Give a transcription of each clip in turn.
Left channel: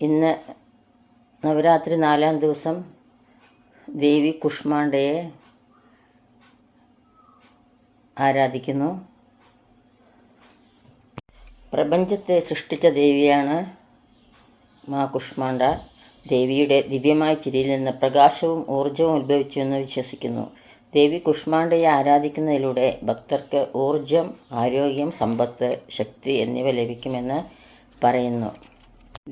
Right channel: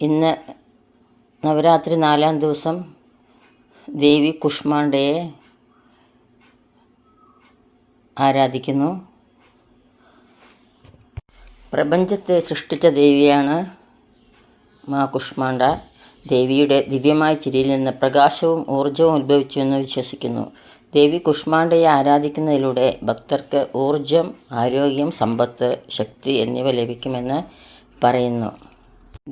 ഇന്ന് നവരാത്രി നാലാം ദിവസം ദേവി കുഷ്മാണ്ഡയെ ആരാധിക്കുന്നു. പ്രപഞ്ചത്തെ സൃഷ്ടിച്ച ദേവിയാണ് മാ കുഷ്മാണ്ഡ ദേവിയുടെ ദിവ്യമായ ചിരിയിൽ നിന്ന് പ്രകാശവും ഊർജവും ഉത്ഭവിച്ചു എന്ന് വിശ്വസിക്കുന്നു. ദേവി കുഷ്മാണ്ഡയെ ആരാധിക്കുന്നതിലൂടെ ഭക്തർക്ക് ഊർജം ആരോഗ്യം സമ്പത്ത് ശക്തി എന്നിവ ലഭിക്കുമെന്ന് പറയുന്നു.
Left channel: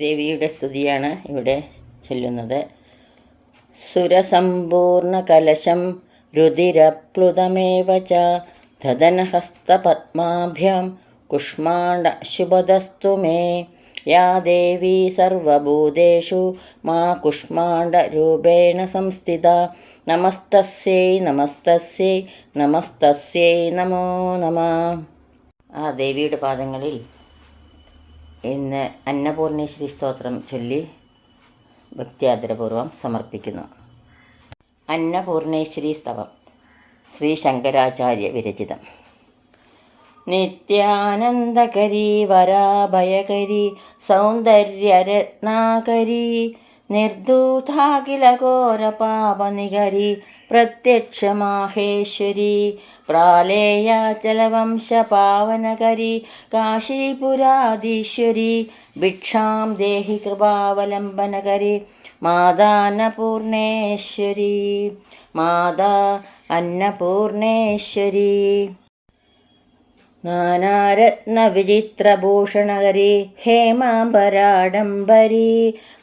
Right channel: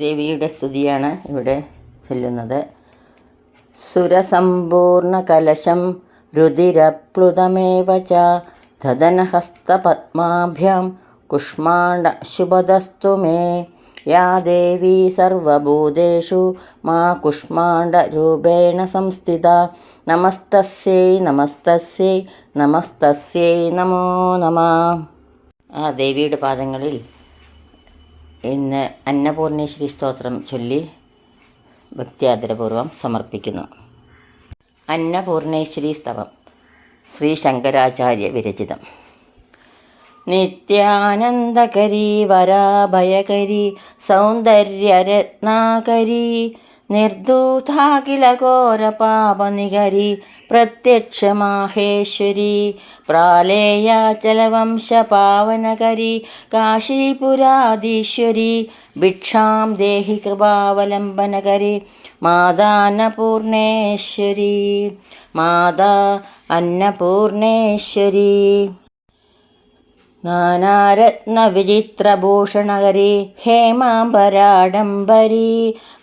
ദേവിയുടെ സ്തുതിയാണ് ഇവിടെ ചൊല്ലുന്നത്. സുരസമ്പൂർണ കലശം രുതിരപ്ലുതമേവ ച ധനഹസ്തപത്മാഭ്യാം കുഷ്മാണ്ഡ ശുഭദസ്തു മേ. യാ ദേവി സർവഭൂതേഷു മാ കുഷ്മാണ്ഡരൂപേണ സംസ്ഥിത. നമസ്തസ്യൈ നമസ്തസ്യൈ നമസ്തസ്യൈ നമോ നമ. ആ ദേവിയുടെ പാദങ്ങളിൽ ഇന്ന് അന്നപൂർണേശ്വരി സ്തോത്രം ചൊല്ലി ഭക്തിയാദരപൂർവം സമർപ്പിക്കുന്നു. അന്നപൂർണേശ്വരി സ്തവം ശ്രീ ശങ്കരാചാര്യ വിരചിതം. നിത്യാനന്ദകരി വരാഭയകരി സൗന്ദര്യരത്നാകരി നിർദൂതാഖിലഘോരപാപനികരി പ്രത്യക്ഷമാഹേശ്വരി. പ്രാലേയാചലവംശപാവനകരി കാശീപുരാധീശ്വരി ഭിക്ഷാം ദേഹി കൃപാവലംബനകരി മാതാന്നപൂർണേശ്വരി മാതാ അന്നപൂർണേശ്വരി. നാനാരത്നവിചിത്രഭൂഷണകരി ഹേമാംബരാഡംബരി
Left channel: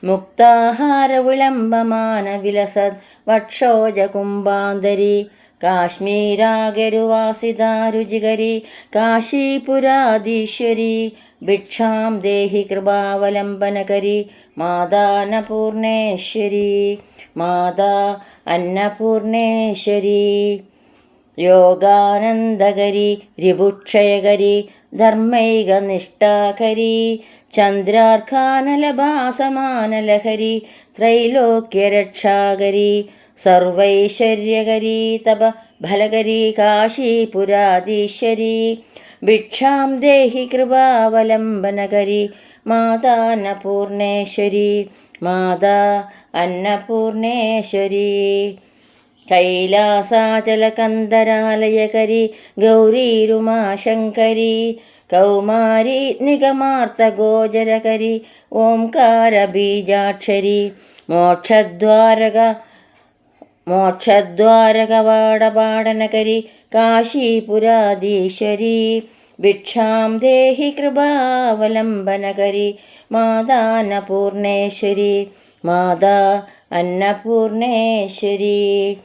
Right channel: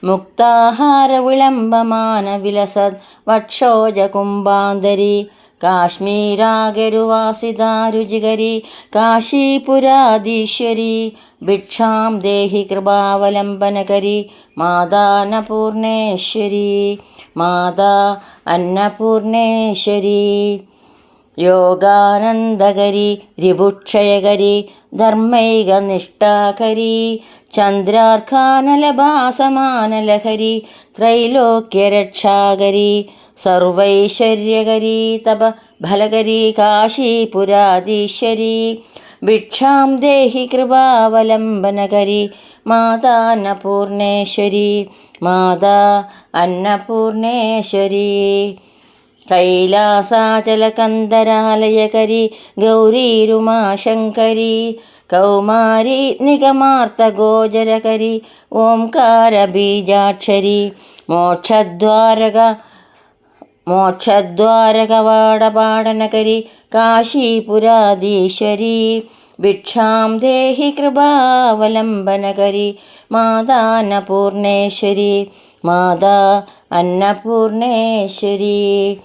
മുക്താഹാരവിളംബമാനവിലസത് വക്ഷോജകുംഭാന്തരി കാശ്മീരാഗരുവാസിതാരുചികരി കാശീപുരാധീശ്വരി ഭിക്ഷാം ദേഹി കൃപാവലംബനകരി മാതാന്നപൂർണേശ്വരി മാതാ അന്നപൂർണേശ്വരി. യോഗാനന്ദകരി രിപുക്ഷയകരി ധർമ്മൈകനിഷ്ഠാകരി ചന്ദ്രാർഖാനലഭാസമാനലഹരി ത്രൈലോക്യരക്ഷാകരി സർവൈശ്വര്യകരി തപ ഫലകരി കാശീപുരാധീശ്വരി ഭിക്ഷാം ദേഹി കൃപാവലംബനകരി മാതാ അന്നപൂർണേശ്വരി മാതാ അന്നപൂർണേശ്വരി. കൈലാസാചലകന്ദരാലയകരി ഗൗരീരുമാശങ്കരി കൗമാരി നിഗമാർത്ഥഗോചരകരി ഓംകാര ബീജാക്ഷരി മോക്ഷദ്വാരക മോക്ഷദ്വാരകവാടപാടനകരി കാശീപുരാധീശ്വരി ഭിക്ഷാം ദേഹി കൃപാവലംബനകരി മാതാ അന്നപൂർണേശ്വരി മാതാ അന്നപൂർണേശ്വരി.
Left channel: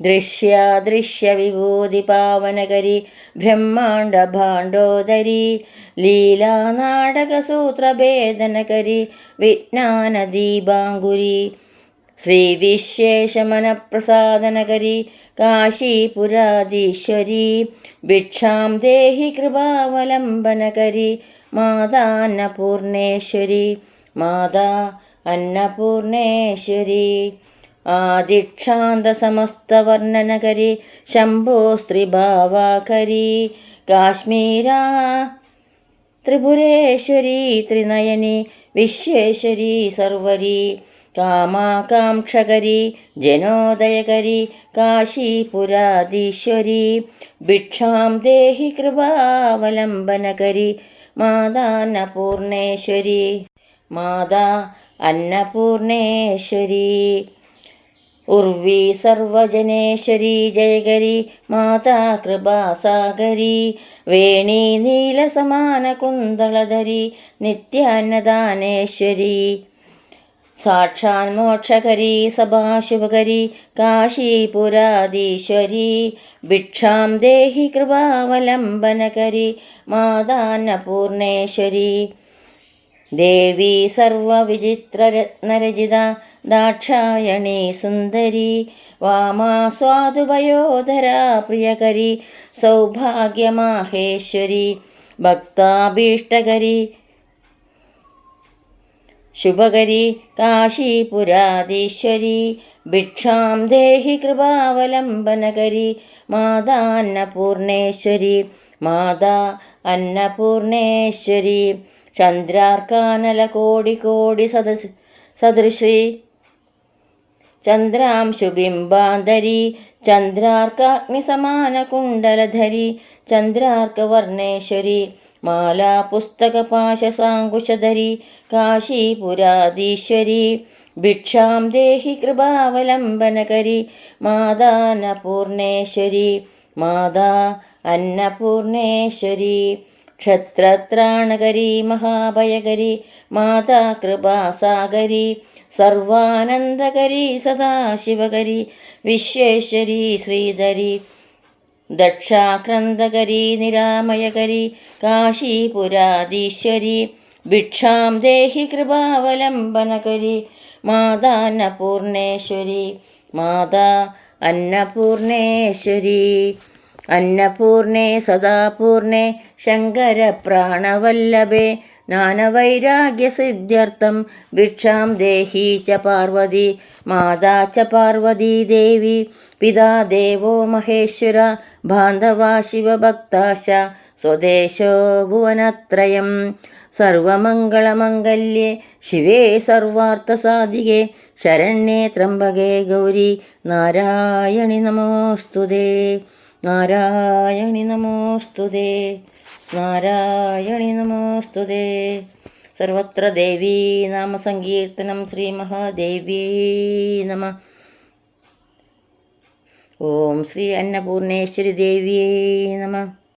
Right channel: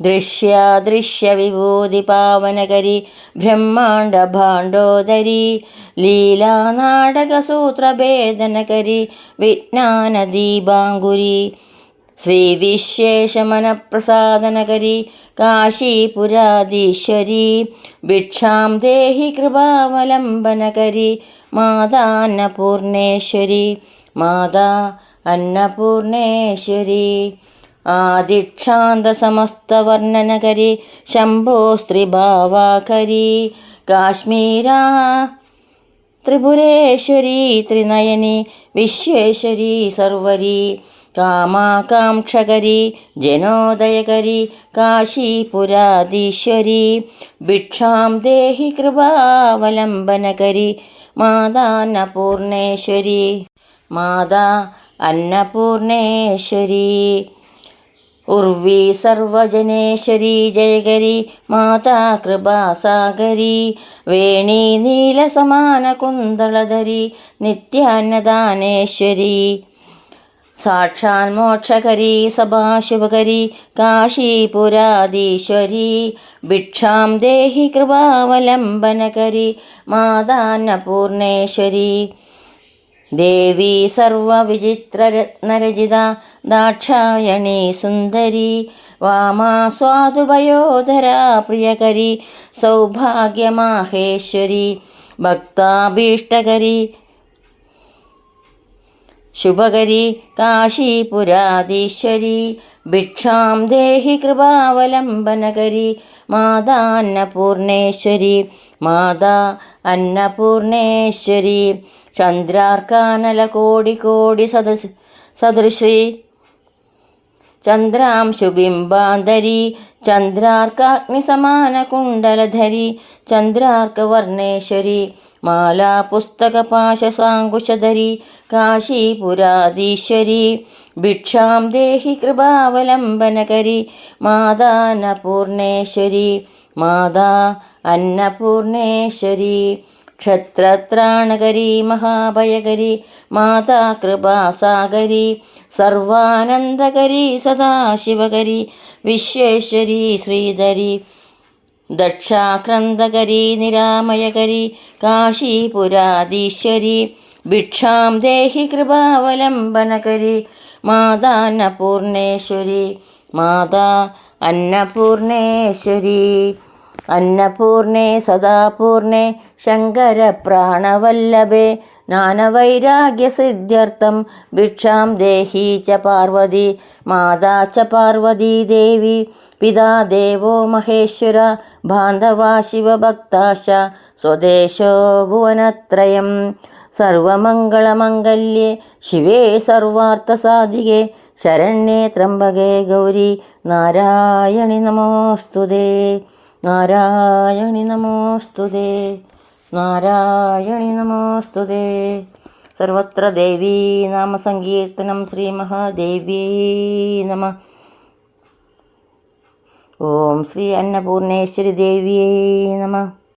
ദൃശ്യാദൃശ്യവിഭൂതിപാവനകരി ബ്രഹ്മാണ്ഡഭാണ്ഡോദരി ലീലാനാടകസൂത്രഭേദനകരി വിജ്ഞാനദീപാങ്കുരി ശ്രീവിശേഷമനപ്രസാദനകരി കാശീപുരാധീശ്വരി ഭിക്ഷാം ദേഹി കൃപാവലംബനകരി മാതാ അന്നപൂർണേശ്വരി. മാതാ അന്നപൂർണേശ്വരി ആദിക്ഷാന്തസമസ്തവർണനകരി ശംഭോ സ്ത്രീഭാവാകരി काश्मीरा ത്രിപുരേശ്വരി ത്രിനയനി വിശ്വേശ്വരി സർവരി കാമാകാംക്ഷകരി ജനോദയകരി കാശീപുരാധീശ്വരി ഭിക്ഷാം ദേഹി കൃപാവലംബനകരി മാതാ അന്നപൂർണേശ്വരി മാതാ അന്നപൂർണേശ്വരി. ഉർവി സർവജനേശ്വരി ജയകരി മാതാ കൃപാസാഗരി വേണി നീലസമാന കുന്തളധരി നിത്യാന്നദാനേശ്വരി. സാക്ഷാൻ മോക്ഷകരി സഭാശുഭകരി കാശീപുരാധീശ്വരി ഭിക്ഷാം ദേഹി കൃപാവലംബനകരി മാതാന്നപൂർണേശ്വരി. ദേവി സർവവിചിത്രരത്നരചിത ദാക്ഷായണി സുന്ദരി വാമാസ്വാദുഭയോധരാ പ്രിയകരി സൗഭാഗ്യമാഹേശ്വരി ഭക്താഭീഷ്ടകരി ശുഭകരി കാശീപുരാധീശ്വരി ഭിക്ഷാം ദേഹി കൃപാവലംബനകരി മാതാ അന്നപൂർണേശ്വരി മാതാ അന്നപൂർണേശ്വരി ചന്ദ്രാർക്കാനല കോടി കോടി സദസ് സദൃശി ചന്ദ്രാംശുബിംബാന്തരി ചന്ദ്രാർക്കാഗ്നിസമാനകുണ്ടലധരി ചന്ദ്രാർക്കവർണേശ്വരി മാലാ പുസ്തകപാശസാങ്കുശധരി കാശീപുരാധീശ്വരി ഭിക്ഷാം ദേഹി കൃപാവലംബനകരി മാതാ അന്നപൂർണേശ്വരി മാതാ അന്നപൂർണേശ്വരി ക്ഷത്രത്രാണകരി മഹാഭയകരി മാതാ കൃപാസാഗരി സർവാനന്ദകരി സദാശിവകരി വിശ്വേശ്വരി ശ്രീധരി ദക്ഷാക്രന്ദകരി നിരാമയകരി കാശീപുരാധീശ്വരി ഭിക്ഷാം ദേഹി കൃപാവലംബനകരി മാതാ അന്നപൂർണേശ്വരി മാതാ അന്നപൂർണേശ്വരി. അന്നപൂർണേ സദാപൂർണേ ശങ്കരപ്രാണവല്ലഭേ ജ്ഞാനവൈരാഗ്യസിദ്ധ്യർത്ഥം ഭിക്ഷാം ദേഹി ച പാർവതി മാതാ ച പാർവതീ ദേവി പിതാ ദേവോ മഹേശ്വര ബാന്ധവാ ശിവഭക്താശ സ്വദേശോ ഭുവനത്രയം. സർവമംഗളമംഗല്യേ ശിവേ സർവാർത്ഥസാധികേ ശരണ്യേ ത്രംബകേ ഗൗരി നാരായണി നമോസ്തുതേ. നാരായണി നമോസ്തുതേ നാരായണി നമോസ്തുതേ സർവത്ര ദേവീ നാമസങ്കീർത്തനം ശ്രീമഹാദേവ്യേ നമ. ഓം ശ്രീ അന്നപൂർണേശ്വരി ദേവിയേ നമ.